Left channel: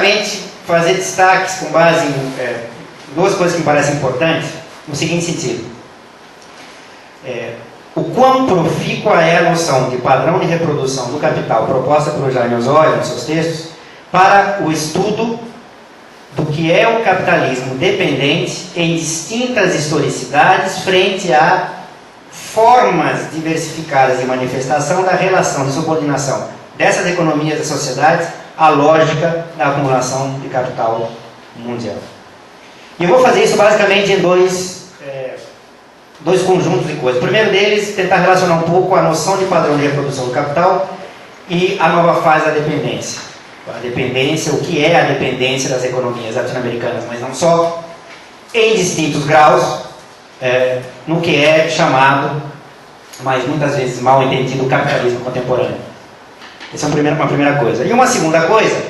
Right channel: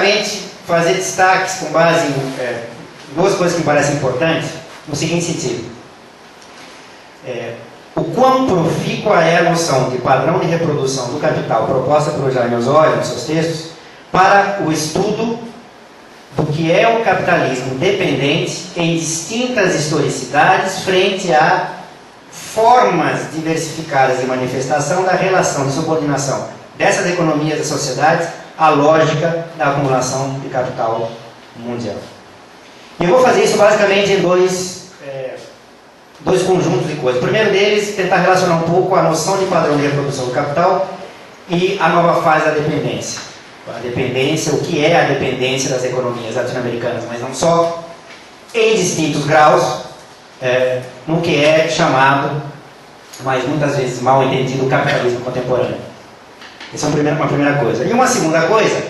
basicamente, fazer destaques com base em duas coisas que me parecem importantes, no seguinte sentido. O quão profícua é a noção de padrão de reprodução do capital proposta pelo Jaime Osório nos seus textos para o estudo do que é o capitalismo dependente em distintas historicidades frente a formas diversificadas de manifestação da relação de subordinação dessas economias e sociedades à lógica da acumulação de capital mundial. E eu vou fazer isso basicamente em dois conjuntos de coisas. O primeiro deles, tentar relacionar um pouco a noção de padrão de reprodução do capital e a nova fase da dependência. A dependência, o que é a dependência das economias latino-americanas, mas não só, em distintos graus, no que é chamado, mas muitas vezes mal entendido, o capitalismo contemporâneo. Essa é uma primeira coisa. E uma segunda coisa,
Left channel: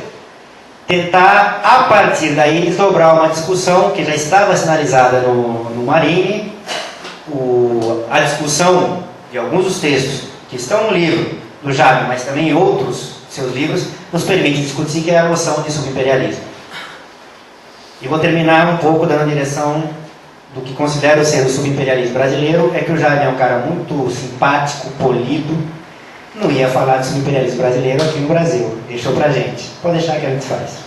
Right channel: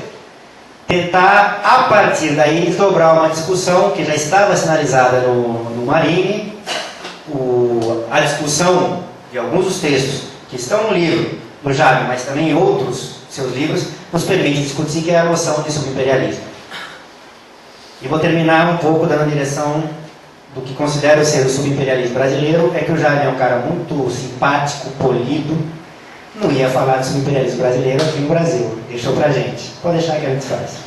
tentar, a partir daí, desdobrar uma discussão que já estava sinalizada no Marini, a discussão de alguns dos textos que estão no livro do Jaime, mas também em outros seus livros, nos permite discutir, que é a noção de subimperialismo. E vou terminar um pouco dando a direção do que considero ser o subimperialismo brasileiro, é que o Jaime é um cara muito simpático, polido, não ia falar de subimperialismo brasileiro aqui no Brasil, deixou pra gente, pode deixar que a gente faz.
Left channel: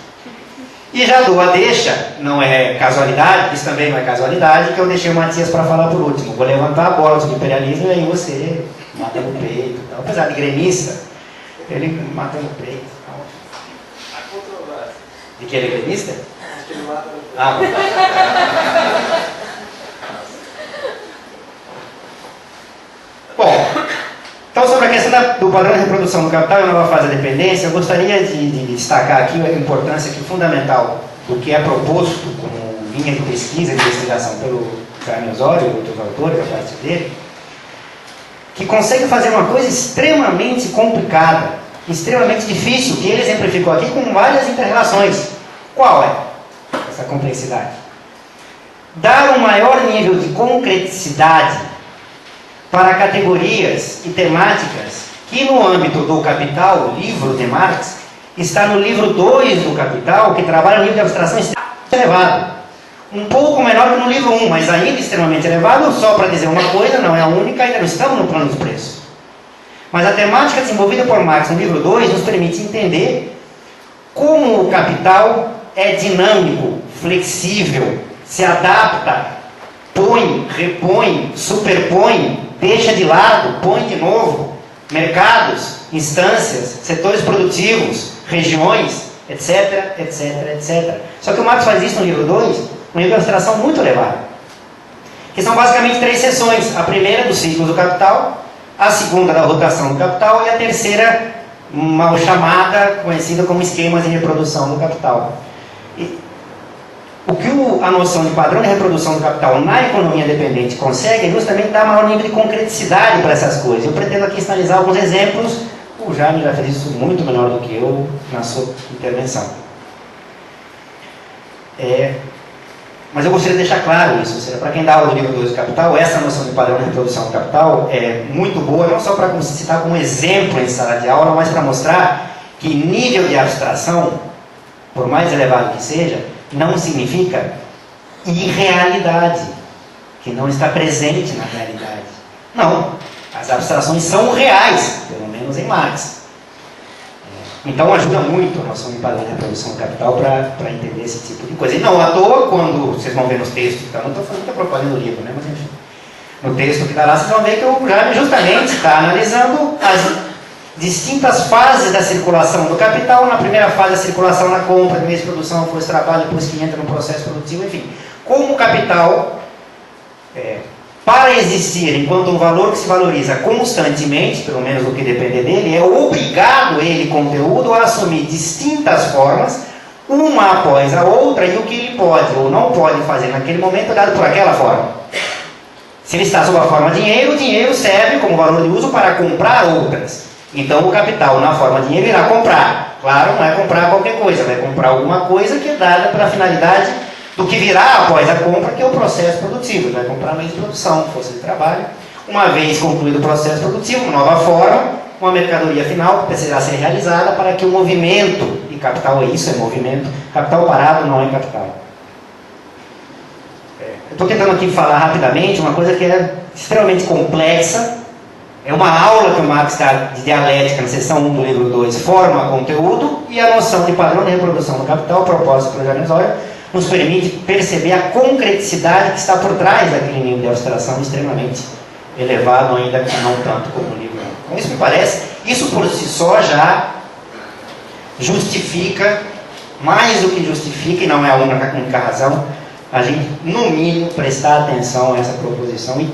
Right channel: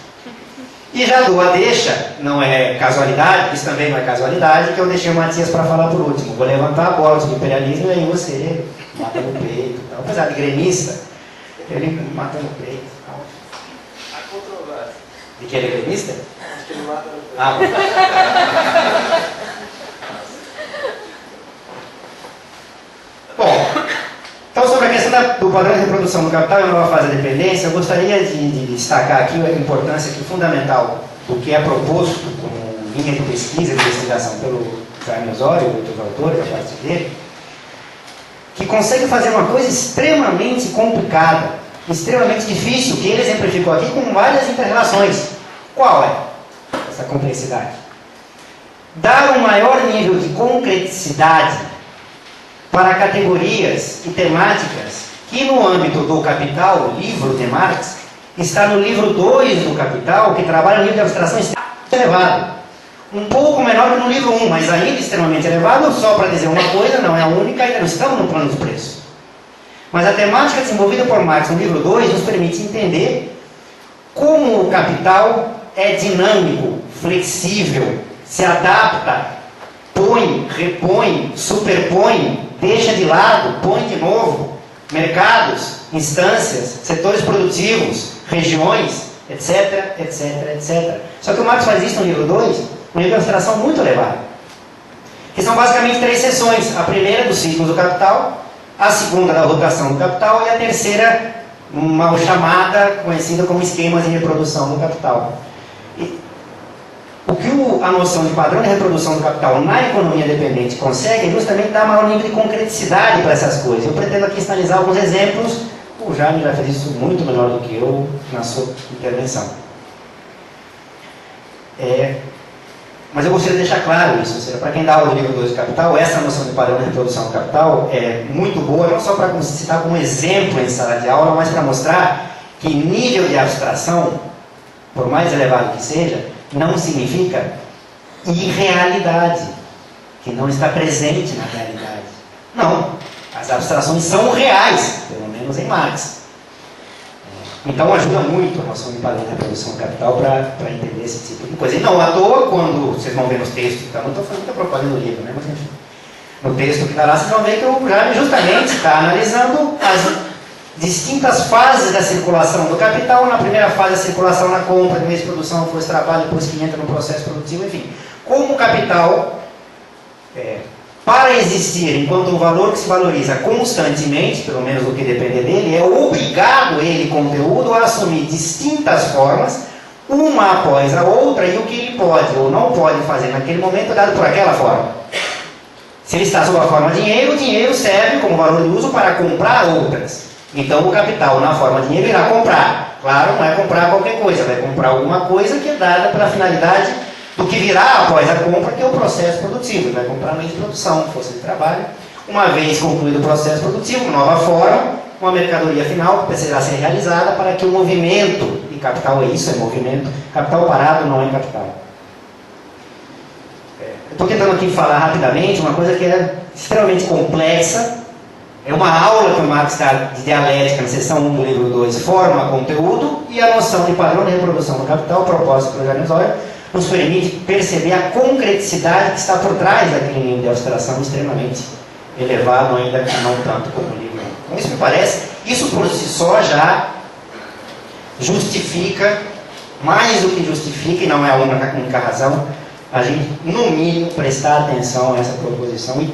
E já dou a deixa, não é casualidade, isso também não é casualidade, que eu deixei o Matias para falar por último. Vou levantar a bola do imperialismo e aí você mata no peito. Então, apesar de gremista, ele mata no peito. Há controvérsia. De que ele é gremista? Acho que ele mata no peito. Ah, bom, então sobre a questão do padrão de reprodução do capital e a nova fase da dependência, eu gostaria de destacar aqui a importância fundamental do que é proposto como linha de pesquisa e de investigação pelo Jaime Osório e outros autores, a parte dele, que consegue fazer uma coisa extremamente complicada, extremamente difícil, que ele exemplificou aqui com várias inter-relações. Qual é essa complexidade? Dar um maior nível de concreticidade para categorias e temáticas que no âmbito do Capital, o livro de Marx, está no livro 2 do Capital, que trabalha um nível de abstração extremamente elevado. Um pouco menor que no livro 1, mas ainda extremamente elevado, só para dizer uma coisa, não é a única, ainda não estamos no plano dos preços. Mas a temática desenvolvida por Marx no livro 2 nos permite entender como o capital é dinâmico, flexível, se adapta, põe, repõe, superpõe, deixa de lado, põe de novo, mercados, instâncias, setores produtivos, regiões, etc, etc, etc. Só que o Marx faz isso no livro 2, um nível de abstração muito elevado, que são basicamente 3 seções: a primeira dos ciclos do capital, a segunda da rotação do capital e a terceira, mal chamada, conhecida como esquemas de reprodução do capital. O que a noção de padrão de reprodução do capital na economia dependente consegue é justamente dar maior nível de concreticidade para essas coisas. Eu pretendo aqui sinalizar alguns exemplos. O Jaime já fez isso muito melhor do que eu na sua intervenção. Mas eu gostaria de deixar claro isso, ou seja, para quem dá aula do livro 2 do Capital, essa noção de padrão de reprodução do capital é muito boa, não só para citar como exemplo em sala de aula, mas para mostrar que nível de abstração, por mais elevado que seja, não significa irrealidade, que não está presente na realidade. Não, as abstrações são reais, pelo menos em Marx. Então ajuda muito a noção de padrão de reprodução do capital para entender esse tipo de coisa. E não à toa, quando vocês vão ver nos textos, então, não estou fazendo muita propaganda do livro, né? Mas enfim, no texto que está lá, vocês vão ver que o Jaime justamente está analisando as distintas fases da circulação do capital. Na primeira fase, a circulação na compra, depois de produção, depois trabalho, depois que entra no processo produtivo, enfim. Como o capital, para existir enquanto um valor que se valoriza constantemente, pelo menos no que depender dele, é obrigado ele, conteúdo, a assumir distintas formas, uma após a outra, e o que ele pode ou não pode fazer naquele momento é dado por aquela forma. Se ele está sob a forma dinheiro, o dinheiro serve como valor de uso para comprar outras. Então o capital, na forma de dinheiro, irá comprar. Claro, não é comprar qualquer coisa, vai comprar alguma coisa que é dada para a finalidade do que virá após a compra, que é o processo produtivo. Ele vai comprar meios de produção, força de trabalho. Uma vez concluído o processo produtivo, uma nova forma, uma mercadoria final que precisará ser realizada para que o movimento de capital é isso, é movimento. Capital parado não é capital. Eu estou tentando aqui falar rapidamente uma coisa que é extremamente complexa. É uma aula que o Marx dá de dialética na seção 1 do livro 2, forma, conteúdo, e a noção de padrão de reprodução do capital, proposta pelo James Euler, nos permite perceber a concreticidade que está por trás daquele nível de abstração extremamente elevado, ainda que não tanto como o livro. Então, isso me parece, isso por si só já justifica, mais do que justifica, e não é a única razão, a gente, no mínimo, prestar atenção a essa proposição e,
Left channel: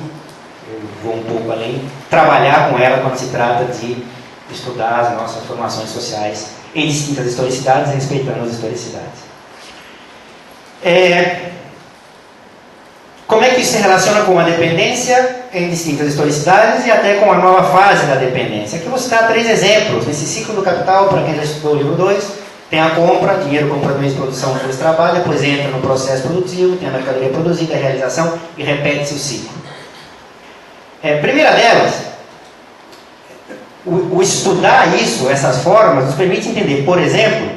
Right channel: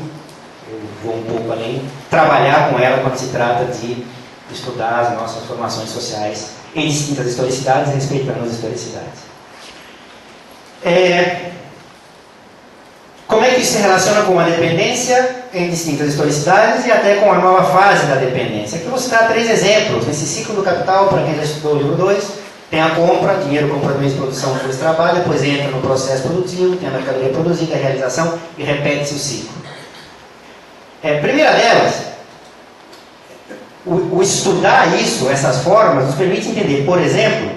eu vou um pouco além, trabalhar com ela quando se trata de estudar as nossas formações sociais em distintas historicidades, respeitando as historicidades. Como é que isso se relaciona com a dependência em distintas historicidades e até com a nova fase da dependência? Aqui eu vou citar 3 exemplos. Nesse ciclo do capital, para quem já estudou o livro 2, tem a compra, dinheiro compra meios de produção, depois trabalha, depois entra no processo produtivo, tem a mercadoria produzida, a realização e repete-se o ciclo. Primeira delas, o estudar isso, essas formas, nos permite entender, por exemplo,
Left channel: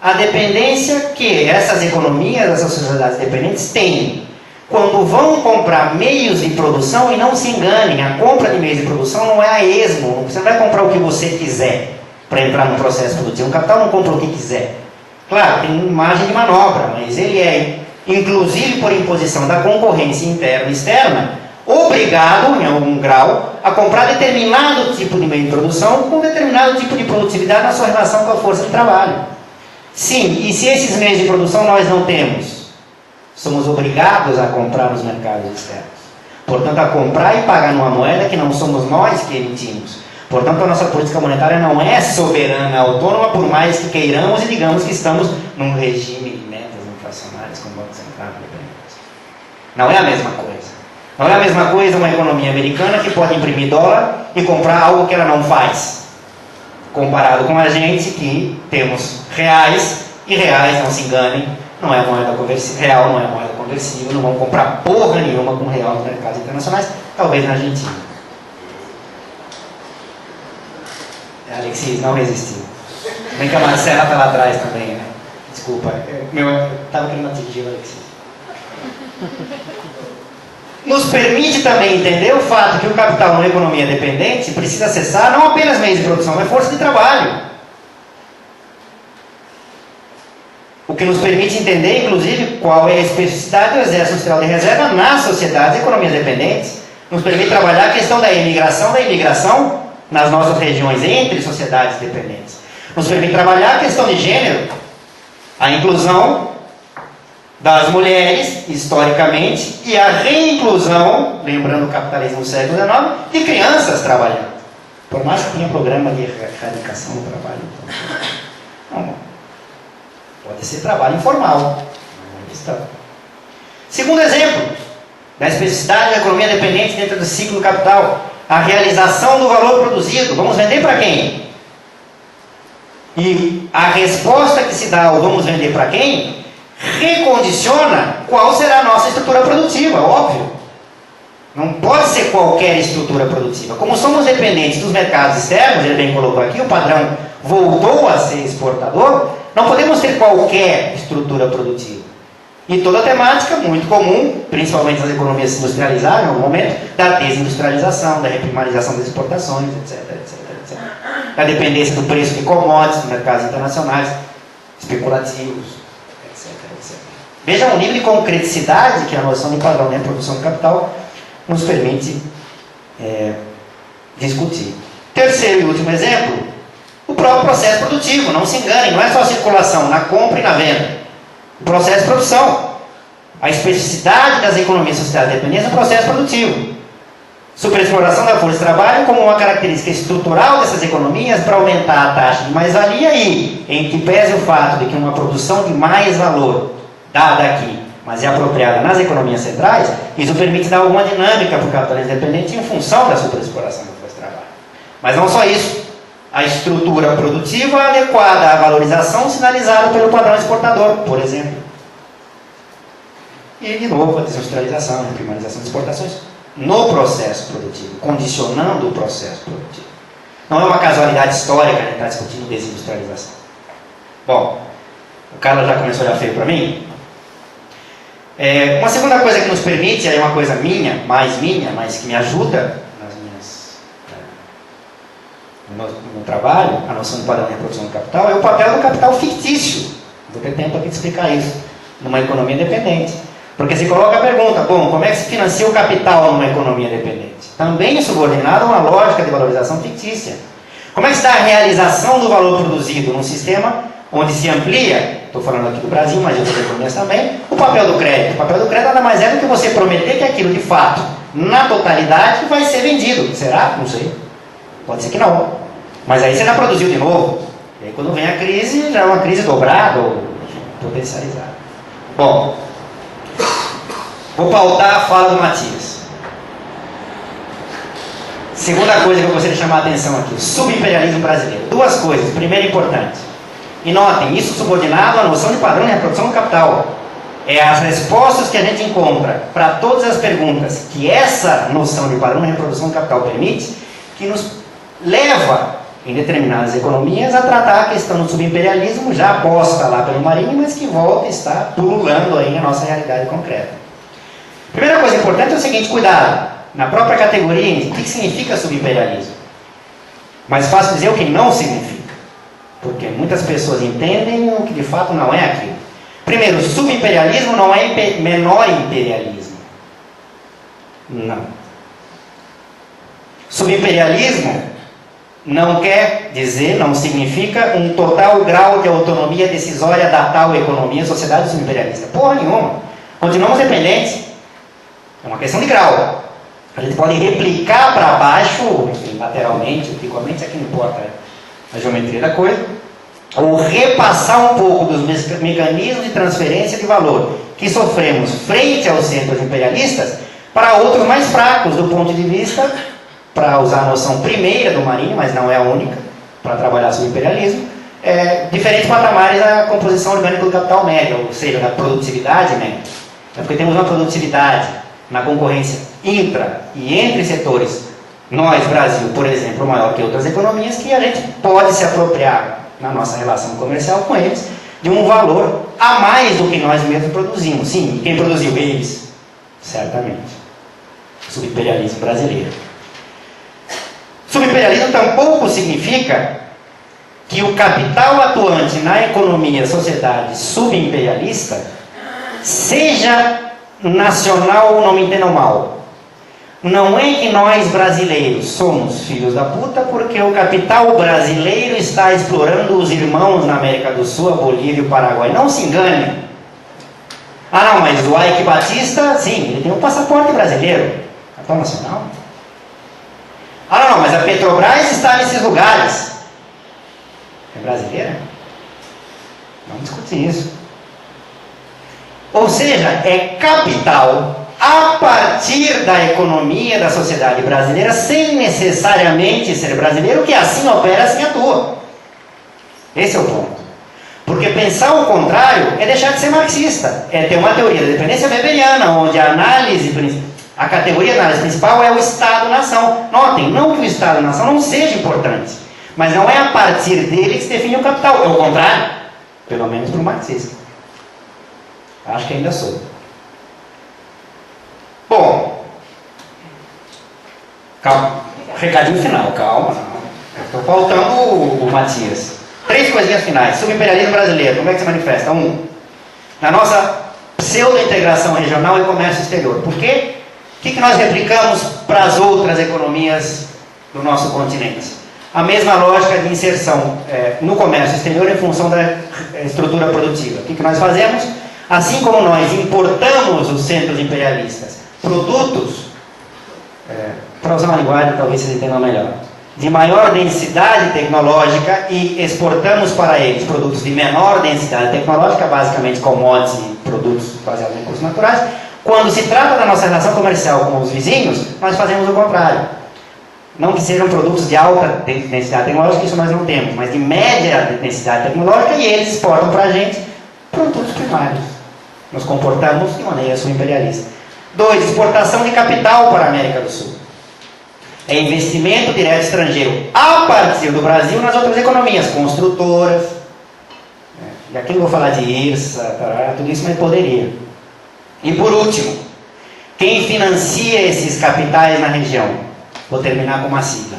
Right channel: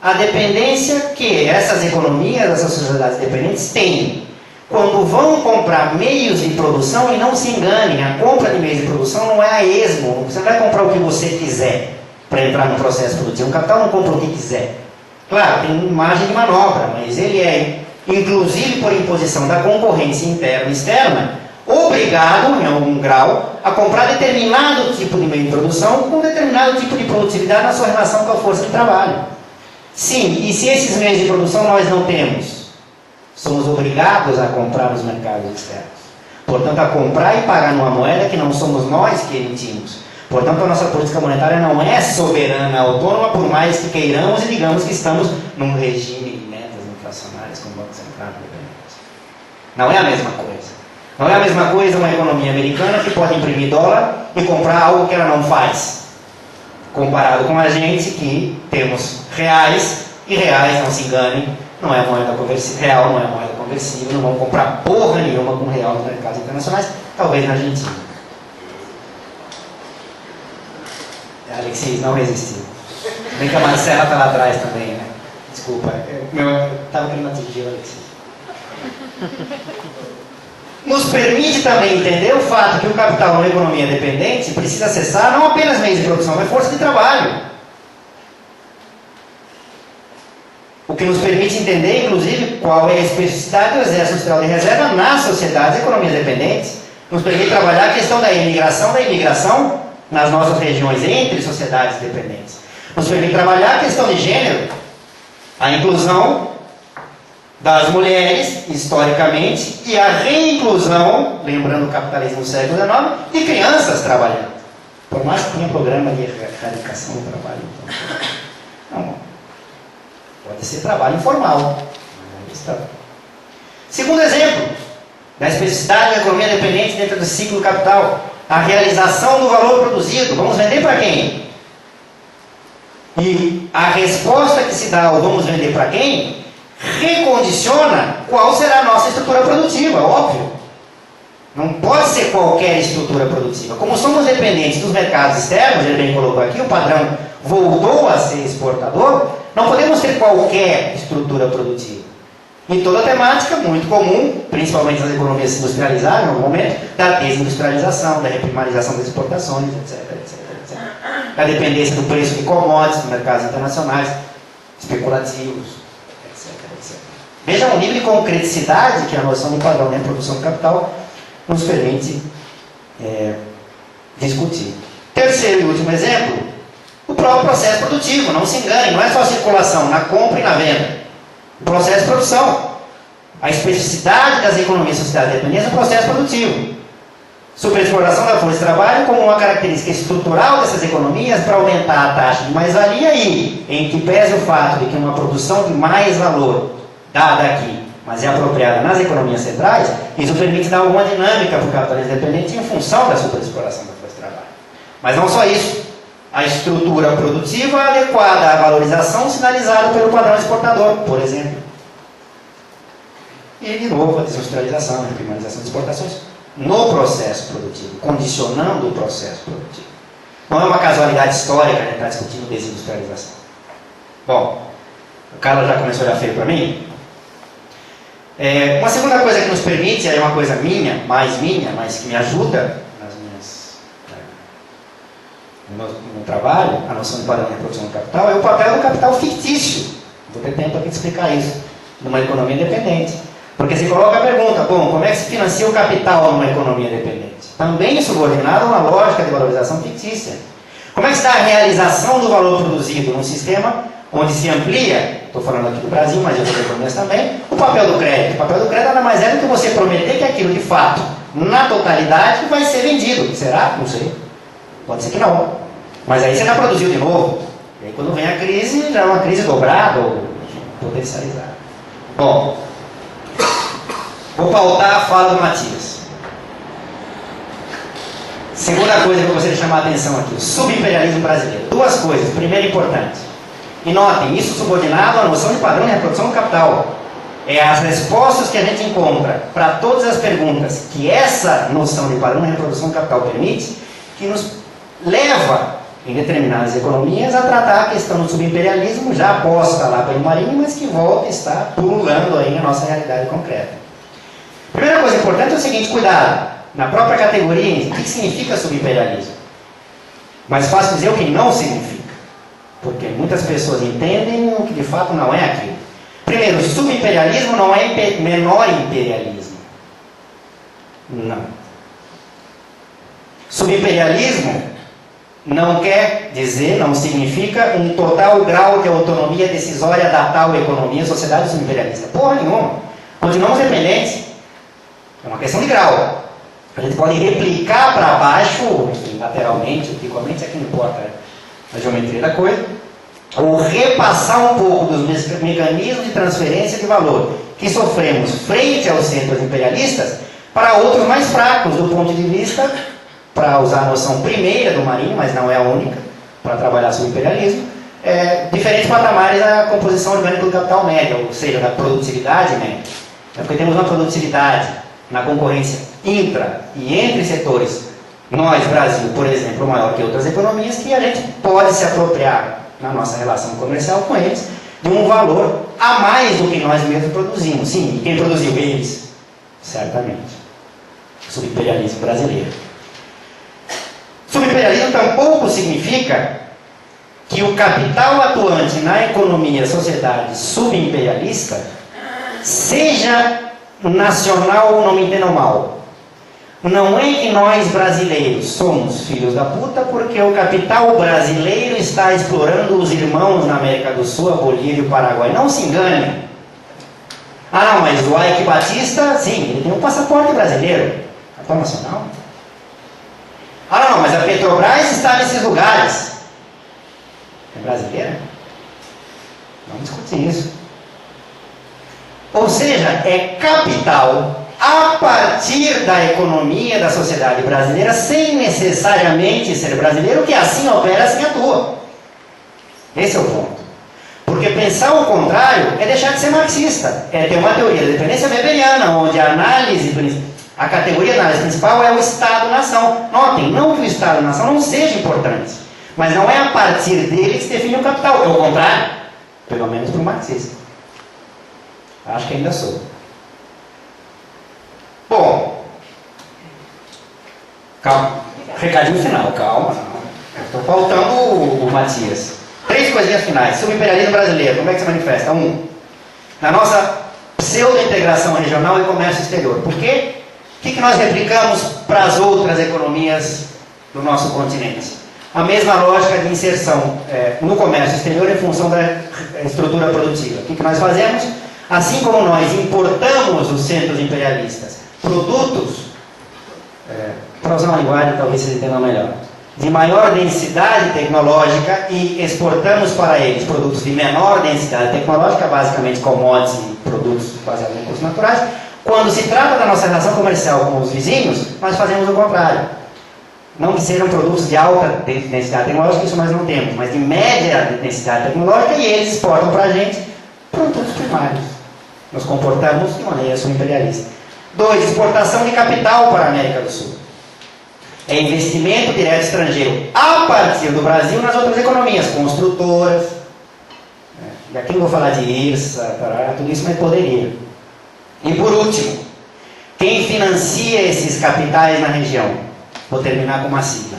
a dependência que essas economias, essas sociedades dependentes têm quando vão comprar meios de produção. E não se enganem, a compra de meios de produção não é a esmo, você não vai comprar o que você quiser para entrar no processo produtivo. Um capital não compra o que quiser. Claro, tem margem de manobra, mas ele é, inclusive por imposição da concorrência interna e externa, obrigado, em algum grau, a comprar determinado tipo de meio de produção com determinado tipo de produtividade na sua relação com a força de trabalho. Sim, e se esses meios de produção nós não temos, somos obrigados a comprar nos mercados externos. Portanto, a comprar e pagar numa moeda que não somos nós que emitimos. Portanto, a nossa política monetária não é soberana, autônoma, por mais que queiramos e digamos que estamos num regime de metas inflacionárias como o Banco Central. Não é a mesma coisa. Não é a mesma coisa uma economia americana que pode imprimir dólar e comprar algo que ela não faz. Comparado com a gente que temos reais, e reais, não se enganem, não é moeda conversível, real não é moeda conversível, não vão comprar porra nenhuma com real nos mercados internacionais, talvez na Argentina. Alexis não resistiu. Bem que a Marcela está lá atrás também, né? Desculpa, eu estava querendo atingir o Alexis. Nos permite também entender o fato que o capital numa economia dependente precisa acessar não apenas meios de produção, mas força de trabalho. O que nos permite entender, inclusive, qual é a especificidade do exército industrial de reserva nas sociedades e economias dependentes. Nos permite trabalhar a questão da imigração nas nossas regiões entre sociedades dependentes. Nos permite trabalhar a questão de gênero, a inclusão das mulheres, historicamente, e a reinclusão, lembrando o capitalismo do século XIX, de crianças trabalhando. Por mais que tenha programa de erradicação do trabalho. Então, não, pode ser trabalho informal. Segundo exemplo, da especificidade da economia dependente dentro do ciclo do capital, a realização do valor produzido. Vamos vender para quem? E a resposta que se dá ao vamos vender para quem recondiciona qual será a nossa estrutura produtiva, óbvio. Não pode ser qualquer estrutura produtiva. Como somos dependentes dos mercados externos, ele bem colocou aqui, o padrão voltou a ser exportador, não podemos ter qualquer estrutura produtiva. E toda a temática muito comum, principalmente nas economias industrializadas, no momento, da desindustrialização, da reprimarização das exportações, etc, etc, etc. Da dependência do preço de commodities, dos mercados internacionais, especulativos, etc, etc. Vejam o nível de concreticidade que a noção de padrão de produção de capital nos permite discutir. Terceiro e último exemplo, o próprio processo produtivo. Não se enganem, não é só circulação na compra e na venda. O processo de produção. A especificidade das economias sociais dependentes do processo produtivo. Superexploração da força de trabalho como uma característica estrutural dessas economias para aumentar a taxa de mais-valia e, em que pese o fato de que uma produção de mais valor dada aqui, mas é apropriada nas economias centrais, isso permite dar alguma dinâmica para o capitalismo dependente em função da superexploração da força de trabalho. Mas não só isso. A estrutura produtiva adequada à valorização sinalizada pelo padrão exportador, por exemplo. E, de novo, a desindustrialização, a reprimarização das exportações no processo produtivo, condicionando o processo produtivo. Não é uma casualidade histórica, né, estar discutindo desindustrialização. Bom, o Carlos já começou a olhar feio para mim. Uma segunda coisa que nos permite, é uma coisa minha, mas que me ajuda no meu trabalho, a noção de padrão de reprodução do capital, é o papel do capital fictício. Vou ter tempo aqui de explicar isso, numa economia independente. Porque se coloca a pergunta, bom, como é que se financia o capital numa economia independente? Também é subordinado a uma lógica de valorização fictícia. Como é que se dá a realização do valor produzido num sistema onde se amplia, estou falando aqui do Brasil, mas de outras economias também, o papel do crédito? O papel do crédito nada mais é do que você prometer que aquilo de fato, na totalidade, vai ser vendido. Será? Não sei. Pode ser que não. Mas aí você já produziu de novo. E aí quando vem a crise, já é uma crise dobrada ou potencializada. Bom, vou pautar a fala do Matias. Segunda coisa que eu gostaria de chamar a atenção aqui, o subimperialismo brasileiro. Duas coisas. Primeiro, importante. E notem, isso subordinado à noção de padrão de reprodução do capital. É as respostas que a gente encontra para todas as perguntas que essa noção de padrão de reprodução do capital permite, que nos leva, em determinadas economias, a tratar a questão do subimperialismo, já posta lá pelo Marini, mas que volta e está pululando aí na nossa realidade concreta. Primeira coisa importante é o seguinte, cuidado. Na própria categoria, o que significa subimperialismo? Mais fácil dizer o que não significa. Porque muitas pessoas entendem o que de fato não é aquilo. Primeiro, subimperialismo não é menor imperialismo. Não. Subimperialismo não quer dizer, não significa um total grau de autonomia decisória da tal economia, sociedade subimperialista. Porra nenhuma. Continuamos dependentes. É uma questão de grau. A gente pode replicar para baixo, lateralmente, verticalmente, aqui não importa a geometria da coisa, ou repassar um pouco dos mecanismos de transferência de valor que sofremos frente aos centros imperialistas para outros mais fracos do ponto de vista, para usar a noção primeira do Marini, mas não é a única, para trabalhar sobre o imperialismo, diferentes patamares da composição orgânica do capital médio, ou seja, da produtividade média. Porque temos uma produtividade na concorrência intra e entre setores, nós, Brasil, por exemplo, maior que outras economias, que a gente pode se apropriar na nossa relação comercial com eles, de um valor a mais do que nós mesmos produzimos. Sim, e quem produziu? Eles. Certamente. Subimperialismo brasileiro. Subimperialismo tampouco significa que o capital atuante na economia, sociedade subimperialista, seja nacional ou não me entendam mal. Não é que nós brasileiros somos filhos da puta porque o capital brasileiro está explorando os irmãos na América do Sul, a Bolívia e o Paraguai. Não se engane. Ah não, mas o Ike Batista, sim, ele tem um passaporte brasileiro. Capital nacional. Ah não, mas a Petrobras está nesses lugares. É brasileira? Vamos discutir isso. Ou seja, é capital a partir da economia da sociedade brasileira, sem necessariamente ser brasileiro, que assim opera, assim atua. Esse é o ponto. Porque pensar o contrário é deixar de ser marxista. É ter uma teoria da dependência weberiana, onde a categoria de análise principal é o Estado-nação. Notem, não que o Estado-nação não seja importante, mas não é a partir dele que se define o capital. É o contrário, pelo menos para o marxista. Acho que ainda sou. Bom, calma, recadinho final, calma. Estou faltando o Matias. 3 coisinhas finais. Subimperialismo brasileiro, como é que se manifesta? 1. Na nossa pseudo-integração regional e comércio exterior. Por quê? O que nós replicamos para as outras economias do nosso continente? A mesma lógica de inserção no comércio exterior em função da estrutura produtiva. O que nós fazemos? Assim como nós importamos os centros imperialistas produtos, para usar uma linguagem talvez vocês entendam melhor, de maior densidade tecnológica e exportamos para eles produtos de menor densidade tecnológica, basicamente commodities e produtos baseados em recursos naturais. Quando se trata da nossa relação comercial com os vizinhos, nós fazemos o contrário. Não que sejam produtos de alta densidade tecnológica, isso nós não temos, mas de média densidade tecnológica, e eles exportam para a gente produtos primários. Nos comportamos de maneira subimperialista. 2. Exportação de capital para a América do Sul. É investimento direto estrangeiro a partir do Brasil nas outras economias, construtoras, E aqui não vou falar de IRSA, tudo isso, mas poderia. E por último, quem financia esses capitais na região? Vou terminar com uma sigla.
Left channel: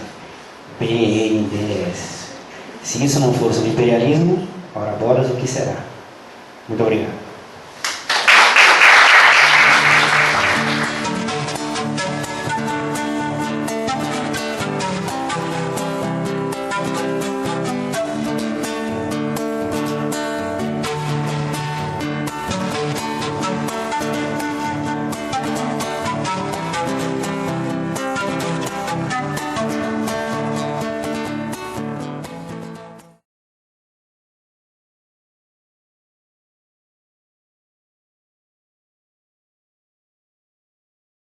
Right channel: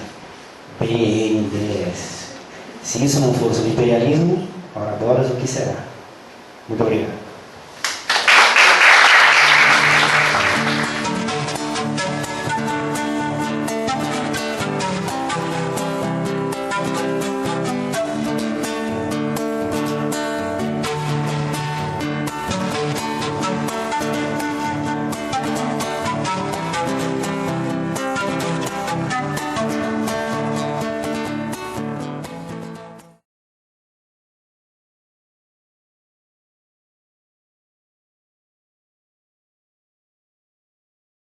BNDES. Se isso não for sobre imperialismo, ora bolas, o que será? Muito obrigado.